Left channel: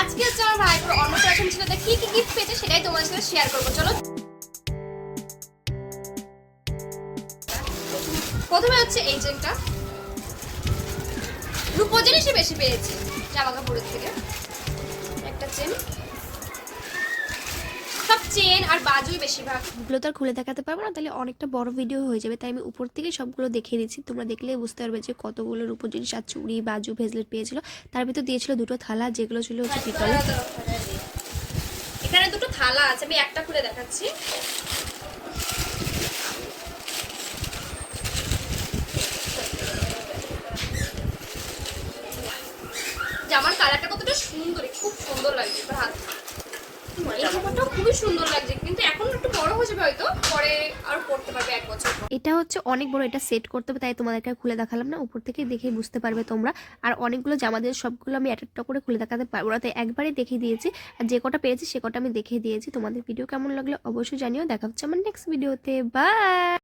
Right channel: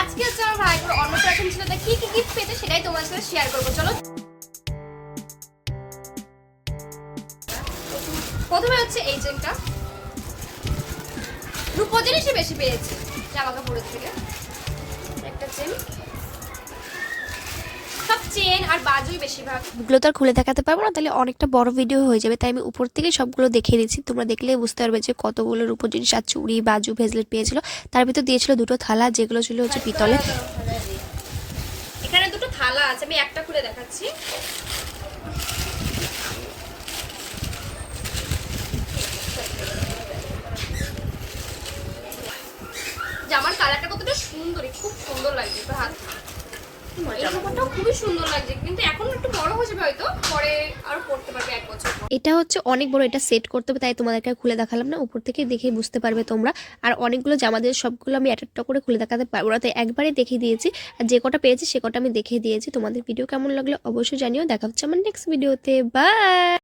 আজকে হচ্ছে আমার অন্নপ্রাশন ছিল কি কি গিফট পেয়েছে সেটাই তোমার সাথে শেয়ার করব, চলো। প্রথমে হচ্ছে এই চেনটা রূপো জিনিসই বেশি পেয়েছে জামা কাপড়ের থেকে। একটা চেন চেন আর বাজুই বেশিরভাগ। এগুলো তো আর খুলে দেখাতে পারব না তাহলে অনেকটা বড় ভিডিও হয়ে যাবে। তাই আমি উপর থেকে সবগুলো দেখিয়ে দিচ্ছি। তোমরা দেখলেই বুঝতে পারবে যে কতগুলোর উপর জিনিস আর চুড়ি বাজু ভেজলেট পেয়েছিল। তার ভিতর দিয়েছিল দুটো থালা যেগুলো ছিল হচ্ছে পিতলের। এখানে দুটো থালা আছে আমি একটা খুলে দেখাচ্ছি। জামার কালারটা কতটা সুন্দর খুব সুন্দর লাগছে তোর হাত এই জামাটাও খুবই সুন্দর লাগছে, কিন্তু এখন একটু বড় হয়ে হয়তো, পরে আর পড়তে পারবে এক বছর এটা হচ্ছে অনেক বড়, এটা সেট করতে হবে, তাই তোমাদেরকে খুলে দেখালাম না, উপর থেকে দেখে বুঝতে পারবে তোমরা। আর অনেকগুলো জামা দিয়ে সবগুলো আমি একটা করে খুলে দেখাতে পারব। না তাই একবারে দেখিয়ে দিয়েছি, আর যে কটা পেয়েছি সে কটা আমি দেখিয়ে দিয়েছি। তোমাদের ভিডিও কেমন লাগল অবশ্যই জানিও, দেখা হচ্ছে আমার নেক্সট ভিডিওতে বাই